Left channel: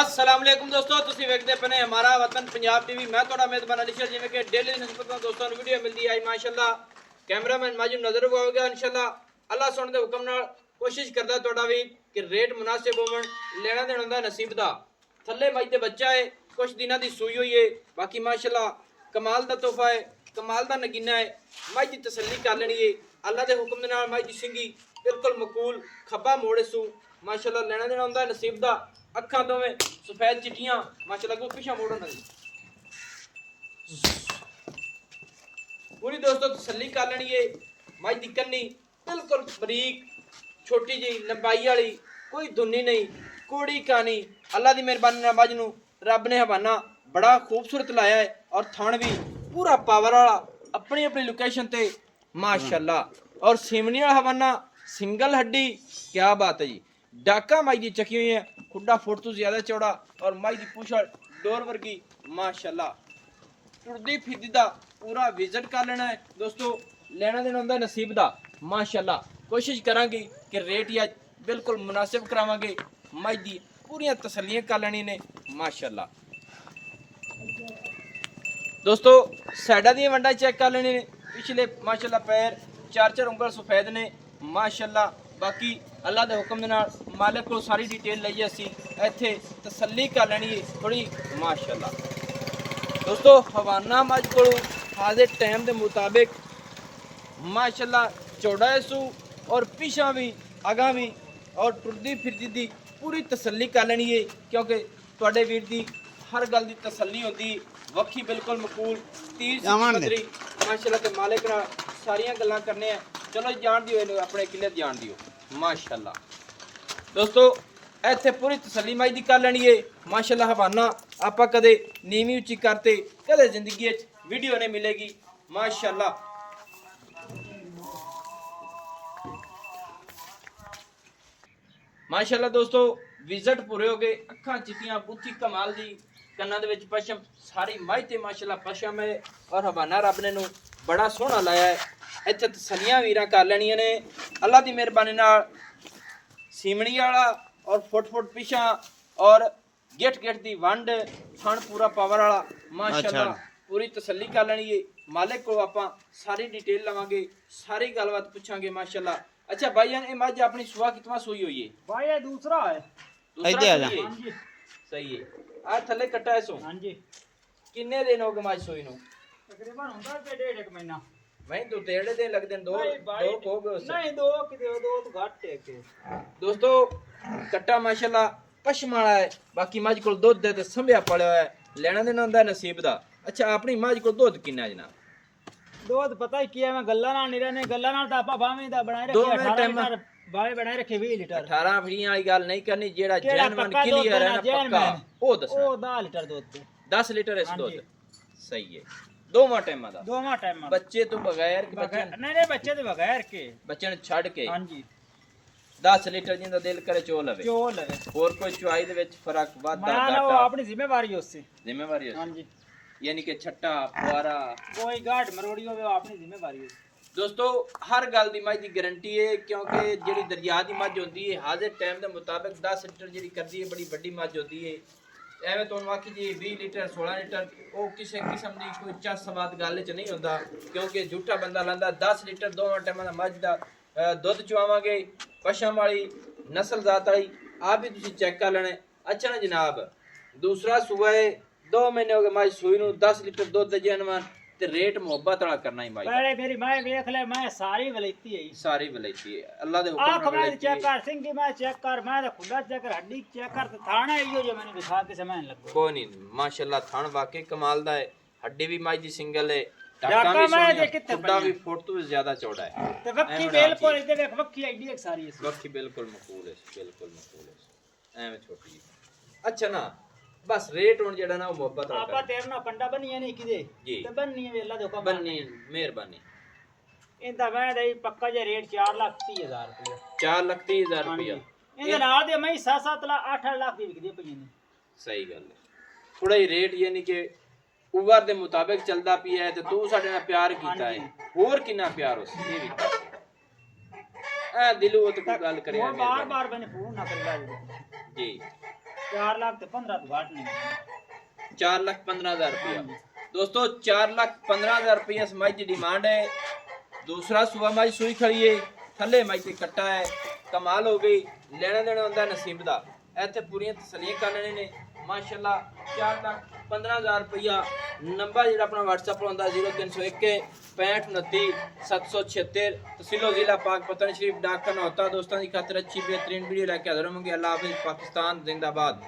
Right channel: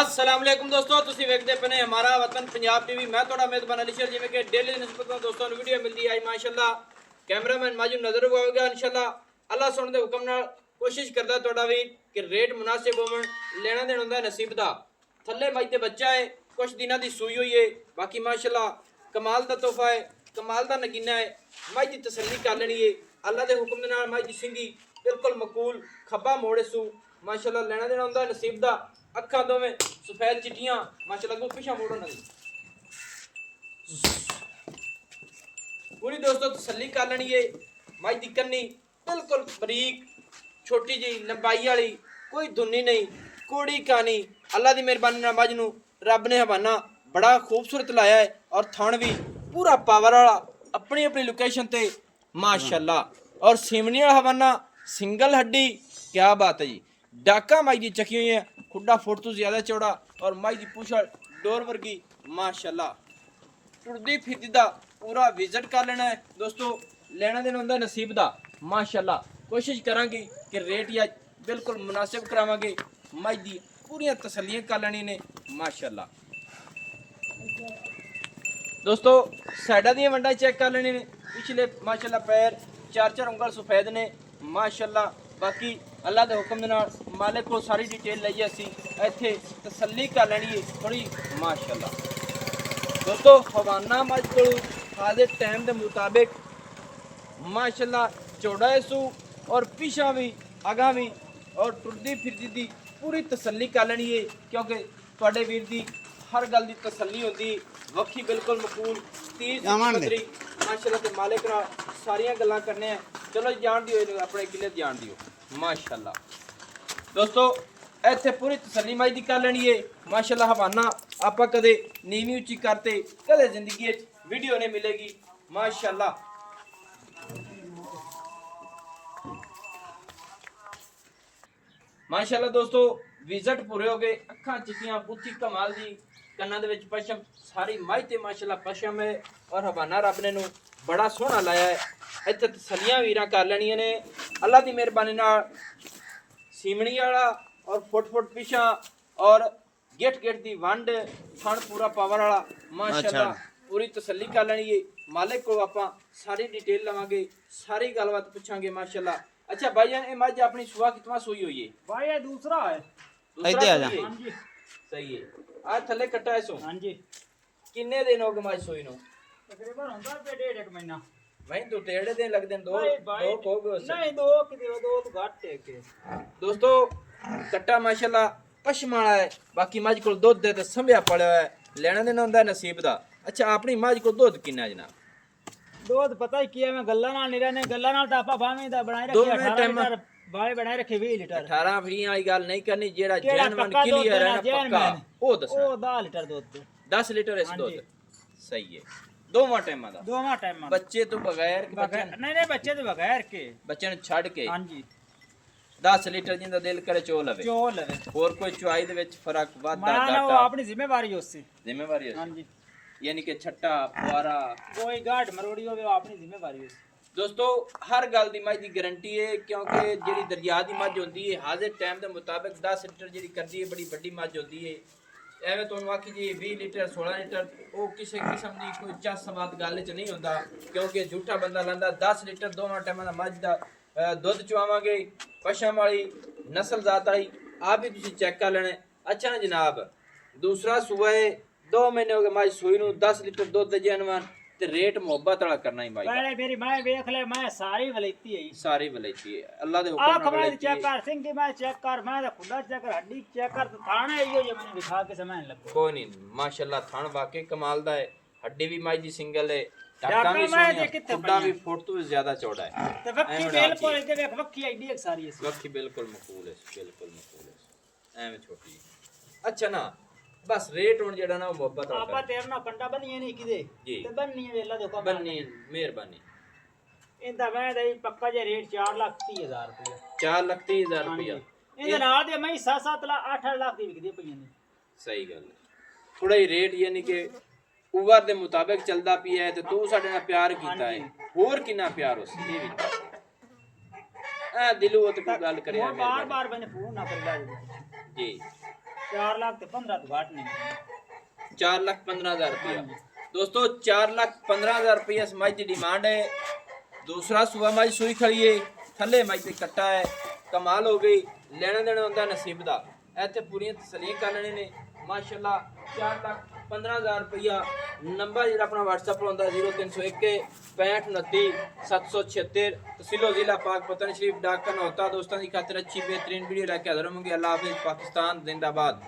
अस्सलाम वालेकुम दोस्तों, ਤੁਸੀਂ ਵੇਖਦੇ ਪਏ ਨੇ ਹਮਾਰਾ ਵਤਨ ਪੰਜਾਬ ਟੀਵੀ। ਮੈਂ ਤੁਹਾਡਾ ਮੇਜ਼ਬਾਨ ਅਲੀ ਸ਼ੇਰ। ਜਿਵੇਂ ਕਿ ਡੇਲੀ ਦੀ ਨਿਸਬਤ ਨਾਲ ਦੋਸਤਾਂ ਨੂੰ ਵੀਡੀਓ ਮਿਲਦੀ ਹੈ ਮਾਸ਼ਾਅੱਲਾ। ਕੈਮਰਾਮੈਨ ਮਾਜੂਮ ਨਜ਼ਰ ਆਵੇਗਾ ਇਨਸ਼ਾਅੱਲਾ। ਅੱਲਾਹ ਸੁਣ ਦੇ ਹੁਕਮ ਨਾਲ ਕੋਸ਼ਿਸ਼ ਕਰਦਾ ਤੁਹਾਡਾ ਵੀ ਕਿ ਰੇਟ ਮੁਨਾਸਿਬ ਹੋਵਣ, ਲੈਣਾ ਦੇਣਾ ਹੁੰਦਾ ਨਸੀਬ ਦਾ। ਥੱਲੇ ਮੱਝ ਦੇ ਬੱਚਾ ਹੈ, ਕੁਝ ਦਿਨਾਂ ਦੀ ਸੂਈ ਹੋਈ ਹੈ। ਬਾਕੀ ਮਾਸ਼ਾਅੱਲਾ ਕਮਾਲ ਦਾ ਤੋਹਫਾ ਹੈ, ਕਮਾਲ ਦਾ ਨਗੀਨਾ ਹੈ। ਮੱਝ ਦੀ ਤਸੱਲੀ ਕਰ ਲੈਣੀ ਹੈ ਅੱਲਾਹ ਦੇ ਹੁਕਮ ਦੇ ਨਾਲ। ਮੱਝ ਦੀ ਸਿੰਗੀ ਬਿਲਕੁਲ ਮਕੂਲ, ਖੱਬਾ ਮੋੜੇ ਸੂ माशाल्लाह। लेना देना होंदा नसीब दा। अखा दोवें सफेद चिट्टियां माशाल्लाह। को पिछा मोड़ो ना पूरी दोस्तों तसल्ली कर लेनी है। मझ दी कन्नी बिल्कुल बरीक छोटी जी लंबाई वाली, कोई दुनी नहीं, कोड़ी कानी। अल्लाह दी मेहरबानी नाल मझ नूं रब ने हवाना बड़ा खूबसूरत लाया है और थण भी पूरा पावर वाला अपनी अपनी लोकेशन ते माशाल्लाह। और सीमनी वाला हवाना सिंगल हड्डी, क्या बात है जी। डाका मई की चकी हुई है, खुड्डा फुट तो ज़्यादा चौड़ा और मई की पूछड़ डोर वर्गी माशाल्लाह। टुरदी फिरदी दा पूरा विजिट कर लेना है दोस्तों। लेना देना होंदा नसीब दा माशाल्लाह। कोशिश करांगे कि रेट या बिल्कुल मुनासिब करावांगे। मई दी पूरियां तसल्लियां कर लेनी ने माशाल्लाह। दोस्तों साइडा दी वंडा चेक कर लेनी ने। पिछले माशाल्लाह पैर चार चार उंगल सफेद ने माशाल्लाह। बाकी अल्लाह के हुक्म नाल मालिक को सारी डिटेल लईए असी इत्थे तसल्ली कर लैनी है थोड़ी माशाल्लाह। दोस्तों हवाना मझ को हाजिर टाइम के मुताबिक माशाल्लाह चौड़ा है सू और पिछा भी अगा भी और टुरदी फिरदी दी पूरी तसल्ली कर लैनी है। क्योंकि तुहाडे वीर दी हर गल दी तसल्ली होती। वक्खी बिल्कुल मकूल तीर पदरी माशाल्लाह के मालिक नाल सारियां गल्लां करने। चलो जान दिओ अपने किले जान दिओ माशाल्लाह। दोस्तों इत्थे पूरी तसल्ली मई दी कर लैनी है माशाल्लाह। हवाना आपां कदे नीवी उच्ची करते कदे जिंदगी वीडियो नहीं मिलेगी माशाल्लाह। माशाल्लाह दोस्तों विजिट पूरे हो गए। अखां चिट्टियां बुच्ची कमाल दी, कन्नां दे विच पशम सारी मई ते माशाल्लाह पशम है और हवाना रब ने नूं बड़ा सोहना लाया है। इत्थे तसल्लियां वीरां कर लैणियां ने अल्लाह दी मेहरबानी नाल। सीमणी वाला और फुट फुट पिछा और गेट गेट दी वंड थण पूरा पावर वाला माशाल्लाह। पूरी तसल्ली कर लैनी है मालिक को। आपां सारी डिटेल लवांगे, सारी गलबात पूछांगे माशाल्लाह। अच्छा भाईजान ये मझ अपनी सुबह कितना सोई हुई है? भाई ये दूसरा है। इधर आ जा। हां जी सही है। आज थल्ले कट्टा है सो। हां जी। किन्ने दिन हो गए मझ सोई नु? तकरीबन हुंदा ते डेढ़ एक महीना। भाई दो तेड़े दिन लगदे दो हो गए नहीं दो कि दो तो घट है के। दोस्तों कट्टा माशाल्लाह पशम वाला है। बाकी मझ को दुध दे ते संभया पड़िया है। लेना देना हुंदा नसीब दा। अच्छा अपनी मझ को दुध किन्ना जनाब? दुध पता ही किया मैं गल्ला नाल नहीं रहने। गल्ला नाल ता आपा बावें दा बनाए रखे 18 लीटर बावे बनाए रखे 20 लीटर 18 फड़ियां वाली गल नहीं करनी। जेड़ा जैनवन क्लियर है ना पक्का ओ दसना। ओ 10 लीटर दूध 10 लीटर इस दूध सही है। दोवां टाइमां दा बच्चे तो बगैर नहीं बच्चे तो बगैर के बच्चे ने छड़ के। हां जी 10 लीटर जिंदा दिल करे चो लवे और कोई चुआई दे विच फर्क वादा घाटा वो अपनी जिम्मेवारी उससे जिम्मेवारी है। हां जी यानी कि छट्टा फुआरा कोई गाठ मरोड़ी होवे वो अपनी जिम्मेवारी है। दोस्तों हर गल दी मझ दी गारंटी है। क्योंकि जेड़ी दरिया दी मझ होंदी है हाजिर टाइम दे मुताबिक 10 लीटर जेड़ी करदी है बड़ी बड़ी मझ होंदी है। एवं तुहानू आखी जी 20 लीटर 16 लीटर वो किसी किस्म की कोई चस सवाद गल च नहीं होंदा। क्योंकि झूठा बंदा लांदा 10 लीटर दोवां टाइमां दा मझ दा दुध चवावांगे। पशम वाली नस्ल जात वाली आप भी तुसीं चेक कर लेना। अच्छा ना जनाब दूसरा सूआ है 2 महीने हो गए मझ सूई नूं 10 लीटर दुध जैनवन ते रेट मोहब्बत वाला करना ही भाई। पहले मेरी मैं देख ले मैं सारी वलैती है सारी वलैती है अल्लाह दे हुक्म नाल वलैती चेक कर सिंह की मैं चेक कर मैं तो खुदा चेक कर हड्डी चेक कर थाना एरियो जो मैंने दिखा के समय लगो कोई नहीं माशाल्लाह थान वाकई कमाल दा है। हड्डी भी मझ दी सिंगल है। डाका भी सोहना खुदा भी फुट तो ज्यादा चौड़ा है ते वक्की बिल्कुल इधर देख वक्की आईडी एक सारी है वक्की बिल्कुल मकबूल है बिल्कुल मकबूल है एवें छोटी। अच्छा ना बस रेट हुन जेड़ा ना मोहब्बत वाला आपा तेरे ना पंडा बनिए नहीं किदे ते बन्नी वेला देखो बन्नी मेहरबानी इंदा मैं दे पक्का जे रेट 4,30,000 रुपया 4,30,000 रुपया इंदे नाल दे मैं 7-7 लाख 8 लाख दी विकदी पई ने। सही गल है थोड़ा ही रेट यानी कि उवर दे मुताबिक चलदा पिया है ते तू साडे नाल प्यार कीता है होर कितना प्यार उस दिलों ते कोई गल करे बार बार मैंने फोन ना कर जी 4 लाख ते 15 तो घाट नहीं। 4,15,000 रुपया। दोस्तों 4,15,000 रुपया इस मई की डिमांड है। दूसरा सुबह मई सूई खड़ी है, थले मई ते कट्टा है, कमाल हो गई। लेना देना होंदा नसीब दा। इत्थे पूरी तसल्लियां करने ने माशाल्लाह। 4,15,000 रुपया। नंबर जो अपना व्हाट्सएप होंदा 0301 6529 776, तहसीलो जिला पाकपतन शरीफ, डाक खाना होता। दोस्तों की खातिर अच्छी बेहतरीन वीडियो लेके हाजिर होंगे। अल्लाह हाफिज़। पाकिस्तान जिंदाबाद।